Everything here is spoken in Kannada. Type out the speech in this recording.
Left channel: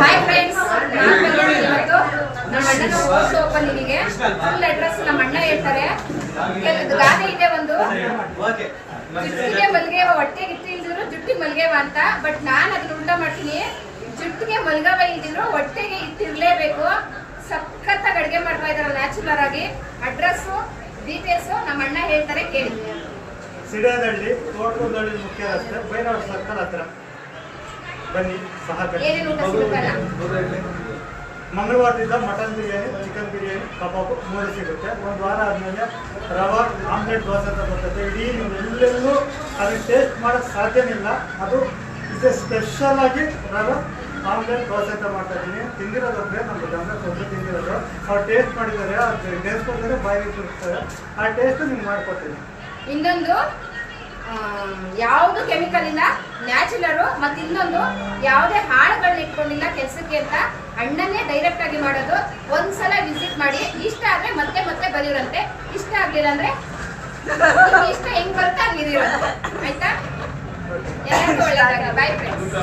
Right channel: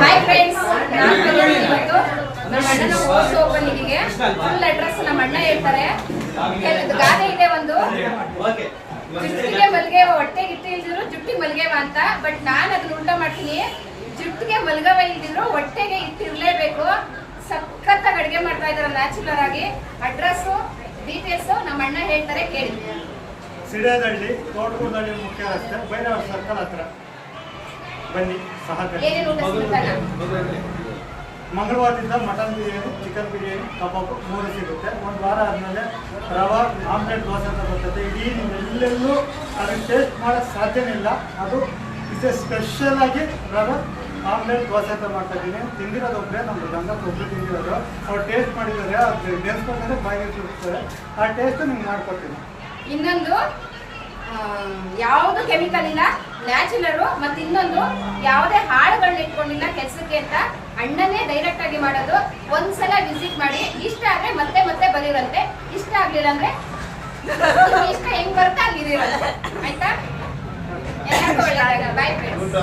ಹಾಯ್ ಫ್ರೆಂಡ್ಸ್ ನಾನು ಇವತ್ತು ನಮ್ಮ ಅಣ್ಣನ ಹೋಸ್ ಓಪನಿಂಗಿಗೆ ಫುಲ್ ಅಡ್ರೆಸ್ ನಮ್ಮ ಅಣ್ಣ ಹೇಳ್ತಾರೆ. ಕೆಲವೊಂದು ಗಾದೆ ಇದೆ ಒಂದು. ಜುಟ್ಟಿಗೆ ಮಲ್ಗೆವ ಹೊಟ್ಟೆಗೆ ಇಟ್ಟು ಇಲ್ದಿದ್ರು ಜುಟ್ಟಿಗೆ ಮಲ್ಗೆವ ಅಂತ. ಬಟ್ ನಾನು ಅದನ್ನ ಉಲ್ಟ ಮಾಡ್ತೀನಿ. ಜುಟ್ಟಿಗೆ ಮಲ್ಗವ ಇಲ್ದಿದ್ರು ಹೊಟ್ಟೆಗೆ ಇಟ್ಟಿರ್ಲೇಬೇಕು. ಸಖತ್ತಾಗಿ ಅಡುಗೆ ಮಾಡ್ತಾ ಇದಾರೆ ನ್ಯಾಚುರಲ್ ಆಗಿ. ಅಡ್ರೆಸ್ಸು ಡೀಟೇಲ್ಸು ನಮ್ಮ ಅಣ್ಣ ಹೇಳ್ತಾರೆ, ಕೇಳಿ. ಸಿಡಿಯದಳ್ಳಿ ತೋಟಕೂರದಳ್ಳಿ ಮುಖ್ಯ ರಸ್ತೆ ಬೈರವ ಸರ್ಕಲ್ ಹತ್ರ. ಬನ್ನಿ ಸಹಕರಿಸಿ ಮಂಗಳವಾರದಿಂದ ಮಟನ್ ಬಿರಿಯಾನಿ ಚಿಕನ್ ಬಿರಿಯಾನಿ ಕಬಾಬ್ ಮೂರು ಸಿಗುತ್ತೆ. ಒಂದು ವಾರ ಆದಮೇಲೆ ರವಾ ಆಮ್ಲೆಟ್ ದೋಸೆ ಅಂತ ಬರ್ತದೆ. ಇಡೀ ನೀವೆಲ್ಲೆಲ್ಲೂ ಅದನ್ನು ಟೇಸ್ಟ್ ಮಾಡೋಕ್ಕೆ ಸಾಧ್ಯನೇ ಇಲ್ಲ. ಅದು ಇದು ಸ್ಪೆಷಲ್ ಆಗಿ ನಾನು ಆಮ್ಲೆಟ್ ದೋಸೆ ಅಂತ ಮಾಡ್ತಾ ಇದ್ದೀನಿ. ತಿಂದಿರೋದು ಒಬ್ಬರೇ ನಮ್ಮ ಗಂಡ ಒಬ್ಬರು ತಿಂದಿರೋದು. ಅವ್ರು ಟೇಸ್ಟ್ ಮಾಡಿದ್ದಾರೆ. ಅದು ನೆನೆಸ್ಕೊಂಡ್ರೆ ಬಾಯಿಗೆ ಇರ್ತಾರೆ ಆ ಟೇಸ್ಟ್ ನಿಮ್ಗೆ ಮಾಡ್ಕೊಡ್ತೀನಿ. ಇನ್ನೊಂದು? ಯಾವುದು ಕೆಮಿಕಲ್ ಇಲ್ಲ ನ್ಯಾಚುರಲ್ ಮತ್ತೆ ಇನ್ನೊಂದು ಯಾವುದೇ ಹಾಳುಗಳನ್ನ ಇಟ್ಕೊಂಡಿಲ್ಲ ಕೆಲ್ಸಕ್ಕೆ ಅಂತ ಅಣ್ಣನೇ ಡೈರೆಕ್ಟ್ ಆಗಿ ಮಾಡೋದು. ಒಂದ್ಸಲ ವಿಸಿಟ್ ಮಾಡಿ ಇಷ್ಟ ಆದ್ರೆ ಮತ್ತೆ ಮತ್ತೆ ಬರೀರಂತೆ. ಇಷ್ಟ ಆಗ್ಲಿಲ್ಲ ಅಂದ್ರೆ ಇಷ್ಟ ಹೆಂಗ್ ಬರ್ತಾ ಹಂಗಿರಂತೆ ಆಯ್ತಾ? ಎಲ್ಲರಿಗೂ ಒಳ್ಳೆಯದಾಗ ಬಾಯ್ ಫ್ರೆಂಡ್ಸ್